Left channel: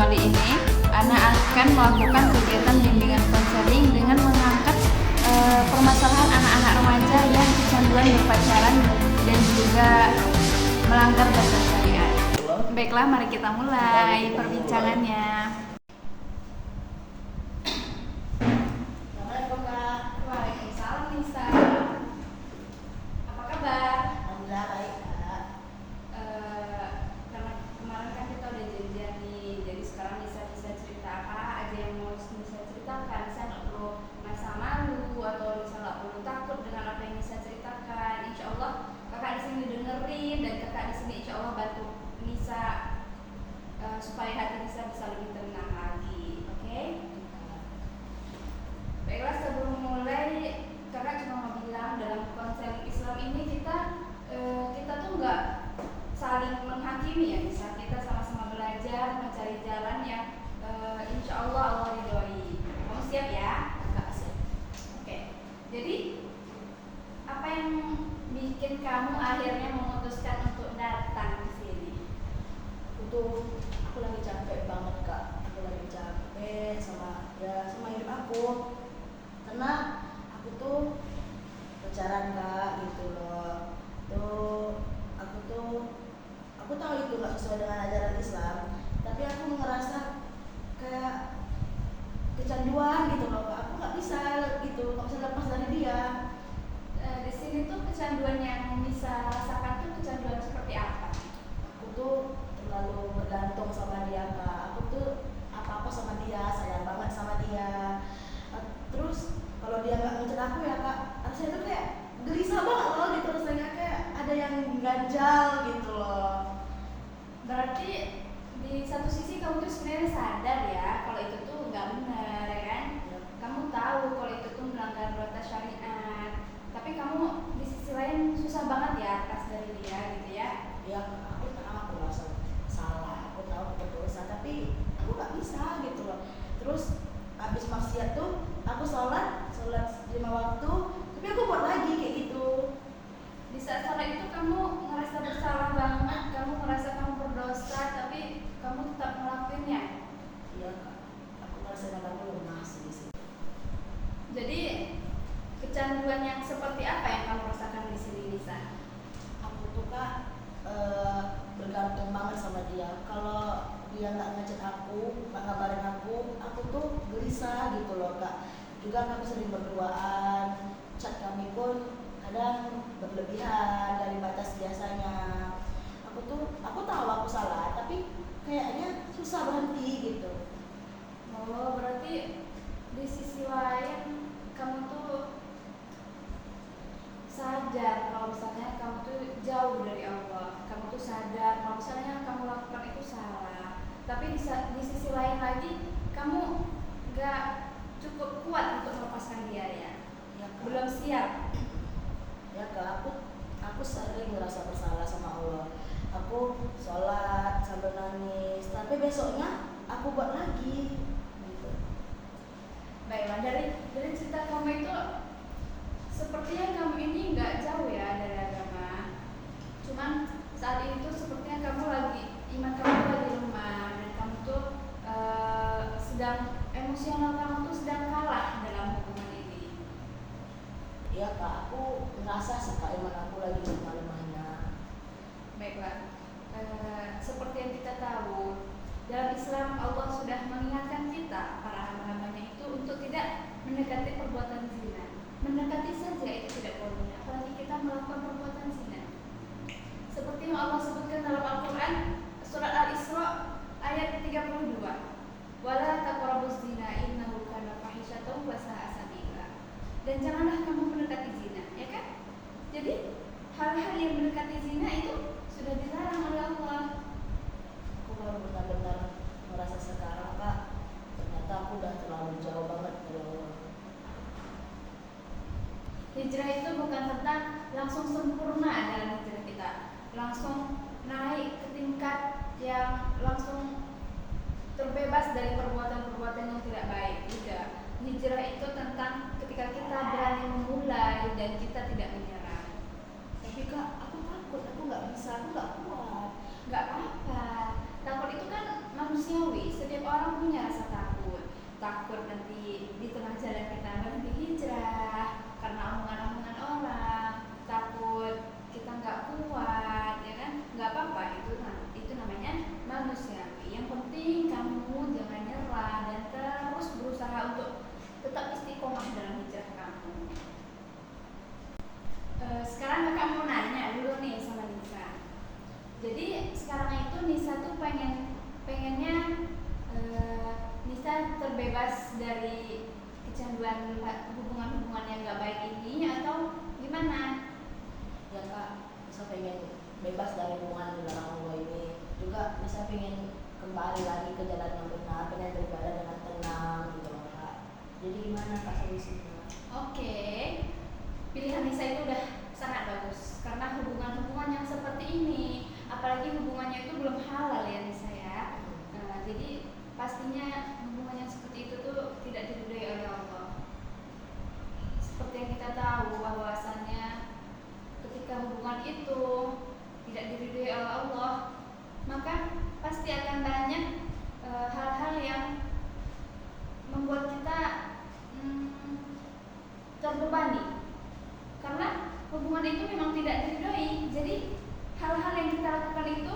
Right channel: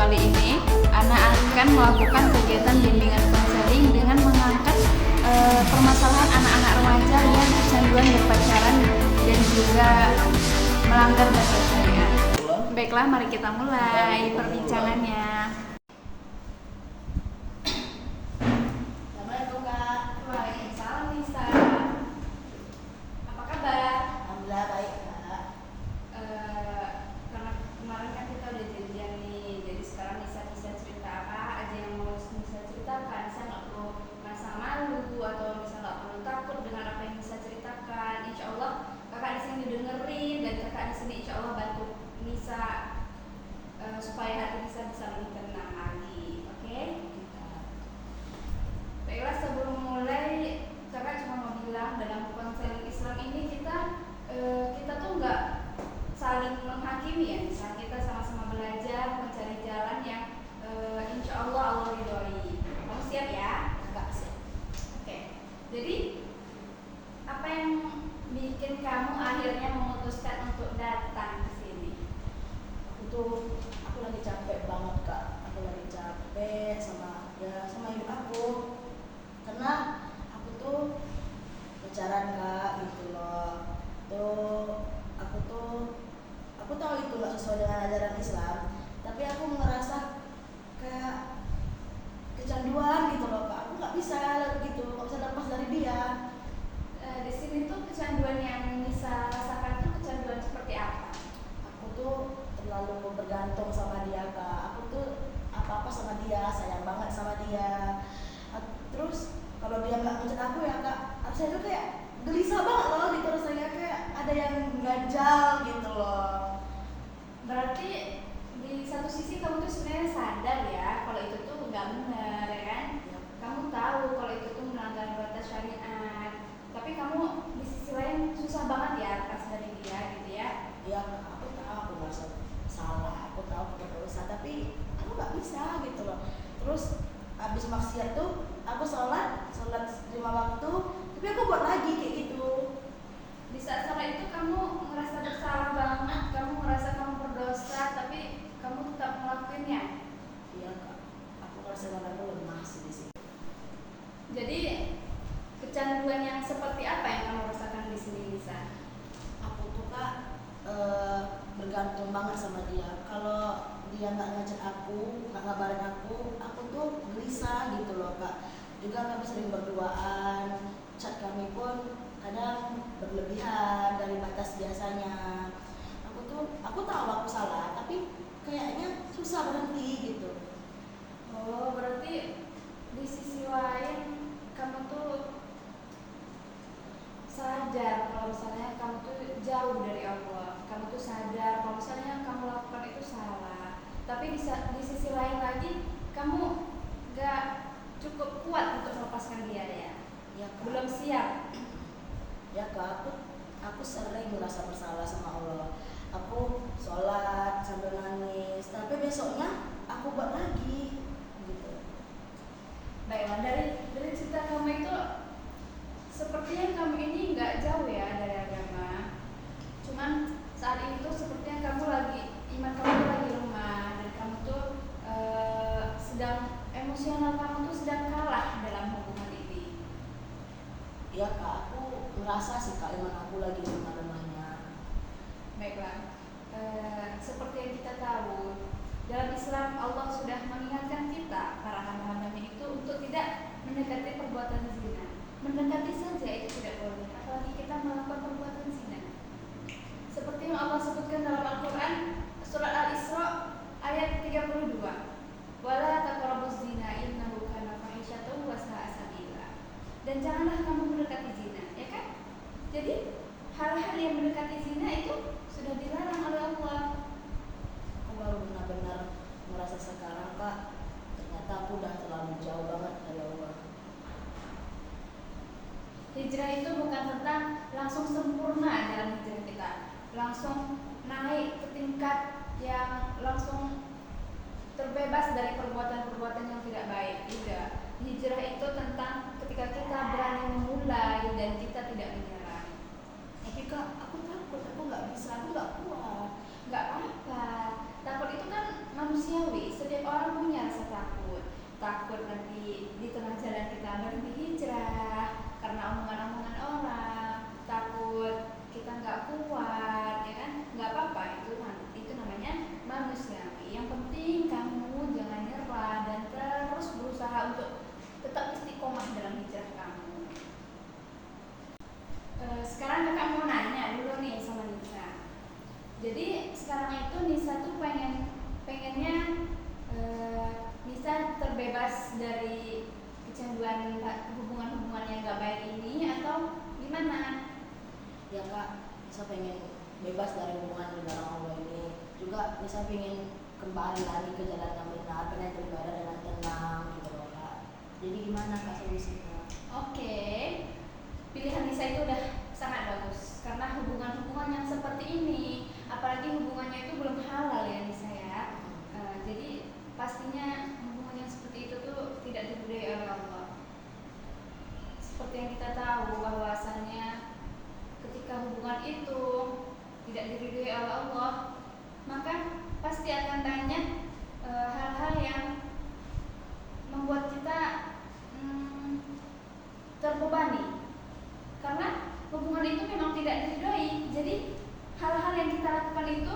kali ini, Ana akan melakukan kegiatan bimbingan konseling dengan mengangkat permasalahan anak-anak remaja yang kecanduan berpacaran dan juga melanggar batas syariat. Baiklah, mari kita mulai perbincangannya. Assalamualaikum Kak. Waalaikumsalam Nisa. Apa kabar? Alhamdulillah baik Kak. Karena kemarin kan kita udah janjian nih, jadi sekarang Nisa bisa cerita apa aja yang mau Nisa ceritakan. Nisa nggak perlu merasa malu atau Nisa nggak perlu takut dengan apa yang Nisa ceritakan. Insya Allah kakak di sini dengerin dan kakak di sini insya Allah bantu Nisa supaya hati Nisa bisa lebih tenang lagi. Oke? Baiklah, sebelum mulai kakak cuma mau bilang dalam konseling Islam ini kita tuh nggak saling menghakimi ya, misal kita sama-sama belajar mencari jalan yang insya Allah ridhoi. Kamu siap ya? Kak siap. Oke. Jadi apa yang bikin kamu akhirnya memutuskan untuk datang ke sini? Aku lagi capek banget Kak. Aku lagi capek sama hidup aku. Karena aku tuh pacaran Kak gitu loh. Aku tahu itu nggak sesuai dengan ajaran Islam. Tapi aku ngerasa kayak kecanduan gitu loh Kak. Aku nggak bisa lepas dari dia. Di sini tuh kecanduan yang Nisa rasakan tuh kecanduan seperti apa? Aku tuh terlalu bergantung sama dia Kak. Aku tuh apa-apa sama dia, sayang banget sama dia. Terus kalau dia nggak ngechat aku ya Kak, rasanya tuh kayak gelisah banget loh gitu, rasanya kayak ada yang ganjal gitu loh. Berarti di satu sisi kamu tuh sebenarnya sadar ya kalau itu tuh nggak benar ya kan? Kamu tahu kalau itu tuh melanggar batas syariat, tapi kamu di sisi lain susah banget ya lepas dari dia gitu ya? Ya aku tahu aku merasa salah, aku tahu aku berdosa, tapi aku nggak bisa gitu loh. Terus habis maksiat tuh aku sholat 5 waktu, tapi aku buat lagi kayak gitu. Di saat salah itu kamu ngerasa bersalah banget, kamu ngerasa kamu berdosa, tapi kamu tetap ngelakuinnya. Iya Kak, aku ngerasa badanku lemah sih di sini. Jadi kecanduan yang seperti apa yang kamu rasakan di sini, Nisa? Aku tuh Kak bergantung banget sama dia. Kalau dia nggak ngechat aku, nggak ngabarin aku tuh gelisah gitu loh Kak. Juga kami sering berduaan, chat kami pun kadang berlebihan dari batas biasanya. Aku tahu aku salah, tapi kayaknya susah berhenti gitu. Oh, berarti di sisi lain kamu tuh sadar kalau misalnya kamu tuh jauh dari Allah. Kamu tuh sadar kalau misalnya yang kamu lakukan itu salah. Tapi di sisi lain lagi kamu gak cukup kuat untuk melepaskan dia ya. Ya Kak. Belum siap. Ya Kak, aku sering merasa bersalah sama Allah. Aku sholat sambil nangis, tapi besoknya aku buat lagi gitu. Baiklah, dari cerita kamu itu sepertinya kamu ini nggak jauh ya dari agama. Cuman saat ini tuh sepertinya kamu lagi iman kamu tuh lagi lemah dan kamu tuh sedang emosional kamu tuh sedang kalah dalam hubungan ini. Ya Kak, aku ngerasa sih Kak iman aku lagi lemah-lemahnya. Baiklah, seperti yang kita tahu dalam Islam Allah sudah mengingatkan kita para hamba-hambanya itu untuk tidak mendekati perbuatan zina. Mendekati saja itu tidak boleh, apalagi kita melakukan perbuatan zina. Seperti yang Allah sebutkan dalam Al-Quran surat Al-Isra ayat 32. Wala taqrabuz zina innahu kana fahisyatan wa sa'a sabila. Dan janganlah kamu mendekati zina, ya kan? Jadi hal-hal yang mendekati zina itu sudah dilarang oleh Allah. Aku baru benar-benar merasa sekarang Kak, ternyata aku udah terlalu jauh banget dari Allah. Hijrah itu bukan tentang langsung sempurna dalam hijrah kita, langsung naik ke tingkat yang langsung terbebas dari perbuatan-perbuatan yang tidak baik. Tidak. Hijrah itu tentang ketika kita berani memulai dan kita tidak menyerah. Tapi Kak, aku takut, aku nggak bisa, aku nggak kuat. Nggak apa-apa. takut itu kan manusiawi, setiap orang punya rasa takut. Takut nanti di tengah jalan kita berhenti hijrah karena omongan-omongan orang, takut kita nggak kuat, ya kan? Nggak apa-apa, itu namanya manusiawi. Yang penting kamu jangan nyerah dan terus berusaha untuk tetap istiqomah dalam hijrah kamu. Sekarang kakak mau nanya dulu nih sama Nisa. Jadi sekarang itu Nisa tuh pengennya Nisa terbebas dari kecanduan hubungan-hubungan yang gak baik ini atau gimana? Ya kak, saya pengen bebas dari hubungan dengan Allah ini. Juga bisa pengen kembali lagi ke jalan yang benar, pengen beribadah dengan tenang gitu loh kak. Jadi gimana kak solusinya? Oke, pilihan Nisa itu udah sangat bagus karena hubungan-hubungan yang seperti ini, apalagi hubungannya itu belum halal ya Nisa ya. Jadi pastinya hubungan yang seperti itu tuh tidak diridhoi oleh Allah. Seperti yang kita tahu bahwasannya ketika hubungan itu tidak diridhoi oleh Allah, maka pasti akan banyak hal-hal yang membuat kita terbebani. Karena hubungan itu memang tidak diridhoi. Jadi hal-hal yang kita lakukan itu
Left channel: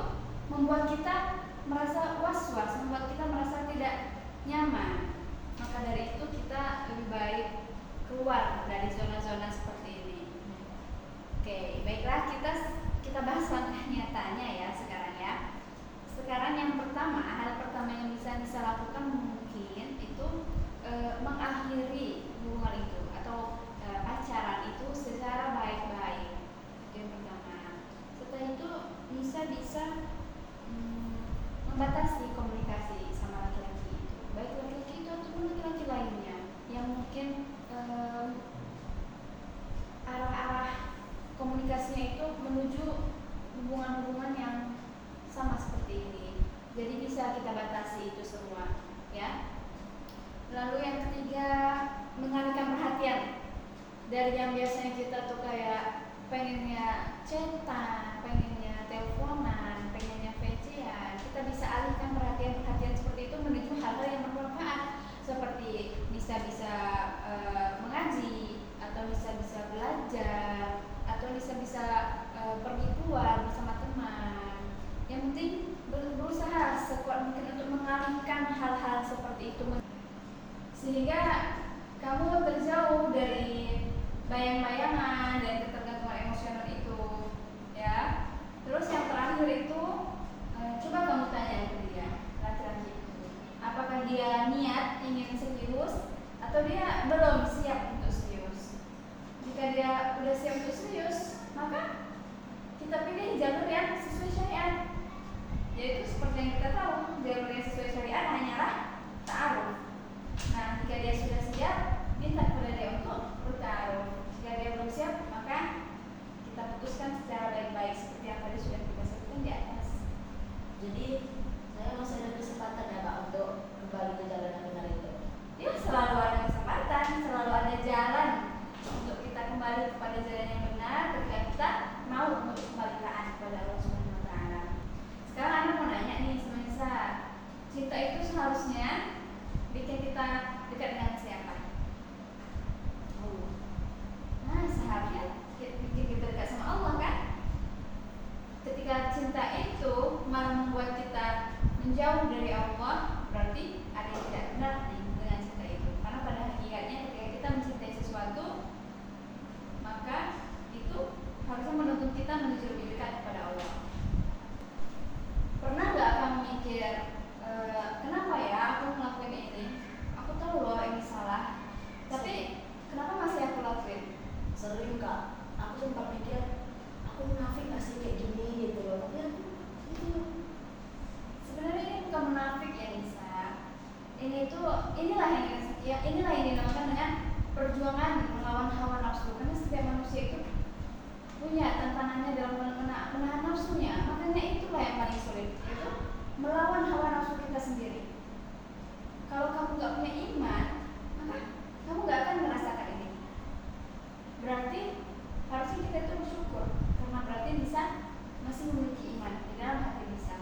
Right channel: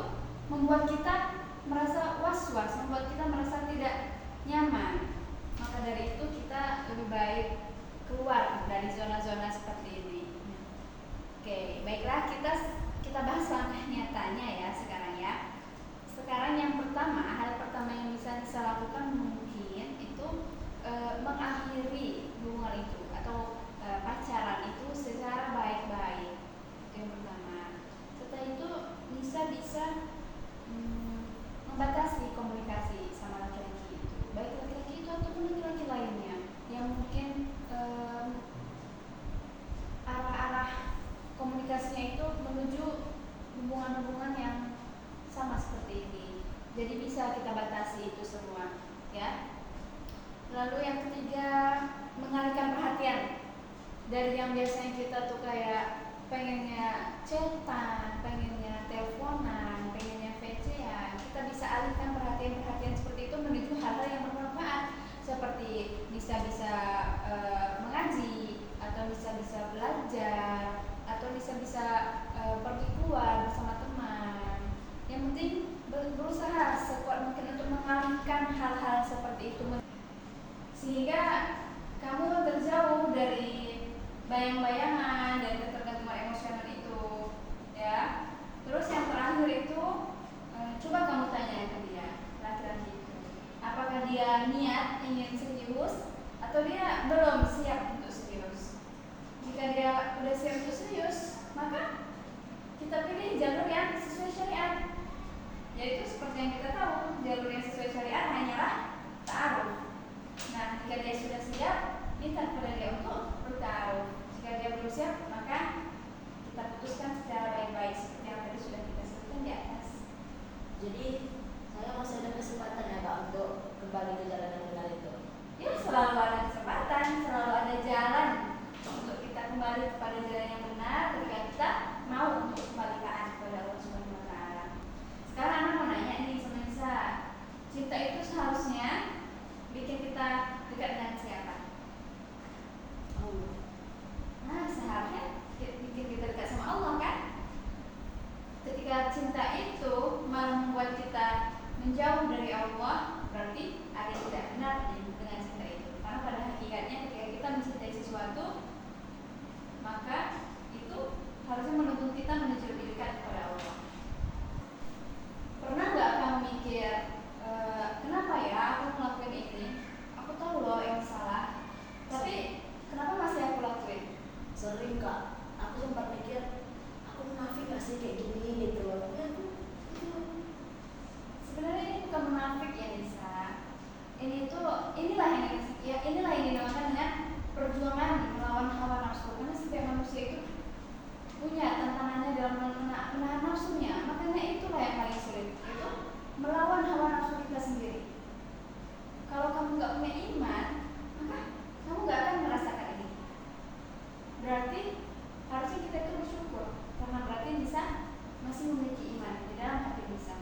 membuat kita merasa was-was, membuat kita merasa tidak nyaman. Maka dari itu kita lebih baik keluar dari zona-zona seperti ini. Oke, baiklah kita bahas langkah nyatanya ya sekarang ya. Sekarang yang pertama, hal pertama yang bisa lakukan mungkin itu mengakhiri hubungan itu atau pacaran itu secara baik-baik. Itu yang pertama. Setelah itu bisa membatasi komunikasi sama laki-laki itu, baik laki-laki itu ataupun laki-laki lainnya yang mungkin arah-arah komunikasinya itu menuju hubungan-hubungan yang sama seperti ini. Jadi bisa kita batasi itu semua, ya. Lalu yang ketiga, mengalihkan perhatian dari yang biasanya kita tuh kayak pengennya chatan, pengennya teleponan, pengennya VC-an, kita bisa alihkan perhatian seperti itu menuju hal-hal yang bermanfaat, seperti bisa mengaji, atau bisa belajar, atau bisa pergi keluar bersama teman. Yang penting berusaha sekuat mungkin untuk mengalihkan hal-hal seperti itu, sehingga kamu terjauh dari bayang-bayangan dan ketergantungan emosional itu, ya. Terus yang terakhir itu coba kamu tanya ke dia, laki-laki itu, apakah dia niat ingin serius atau dia belum siap untuk serius. Jika dia sudah siap untuk serius, maka kita pilih jalur yang sesuai syariat. Yaitu seperti yang kita tahu, jalur yang sesuai syariat hanyalah ta'aruf. Nah, jika dia sudah siap, minta kepada dia untuk bertaruh. Jika dia belum siap, maka kita putuskan secara baik-baik seperti yang tadi sudah kita sebutkan di atas. Jadi saya masih ada kesempatan ya kak untuk kembali ke jalan yang benar itu. Ya, selalu ada kesempatan, selalu ada jalan untuk kita kembali kepada jalan yang benar ketika kita mau untuk kembali taat kepada Allah Subhanahu Wa Taala. Sekarang Anda mau nanya nih sama Nisa, cinta itu seharusnya bikin kita dekat dengan siapa? Nah, seharusnya bikin kita dekat sama Allah kan? Ketika cinta itu malah membuat kita menjauh dari Allah, berarti ada yang tidak benar dengan cinta itu. Karena pada hakikatnya ketika kita mencintai sesuatu, maka itu harusnya menuntun kita menuju lebih dekat kepada Allah. Pernah nggak kamu mikir, kenapa ya aku ngelakuin ini? Aku tahu loh ini salah, tapi kenapa masih aku lakuin? Sering kak, aku sempat pikir aku munafik gak sih kayak gini gitu loh. Tapi aku gitu. Sebenarnya ini bukan munafik ya Nisa. Inilah yang dinamakan dengan perjuangan melawan hawa nafsu. Karena setiap manusia itu punya tantangannya dalam menahan nafsunya. Makanya itulah yang paling sulit, yaitu melawan hawa nafsu kita sendiri. Kalau kamu nggak punya iman, maka kamu nggak akan merasakan ini. Berarti harusnya kita itu bersyukur karena berarti bisa masih memiliki iman di dalam hati bisa.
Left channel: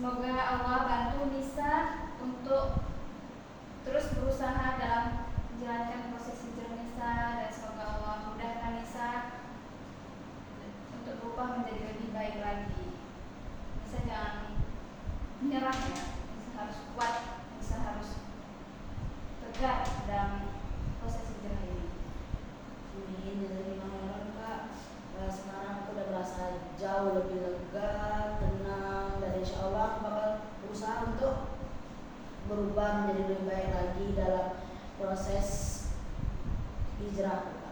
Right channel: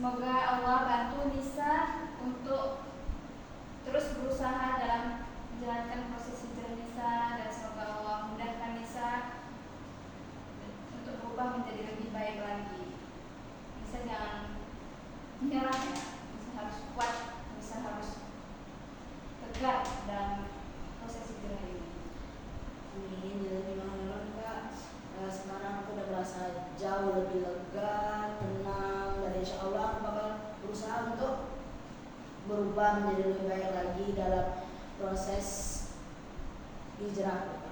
Semoga Allah bantu Nisa untuk terus berusaha dalam menjalankan proses hijrah Nisa, dan semoga Allah mudahkan Nisa untuk berubah menjadi lebih baik lagi. Nisa jangan menyerah ya, Nisa harus kuat, Nisa harus tegar dalam proses hijrah ini. Amin, jazakallahu Kak. Sekarang aku udah merasa jauh lebih lega, tenang, dan insya Allah aku bakal berusaha untuk berubah menjadi lebih baik lagi dalam proses hijrah.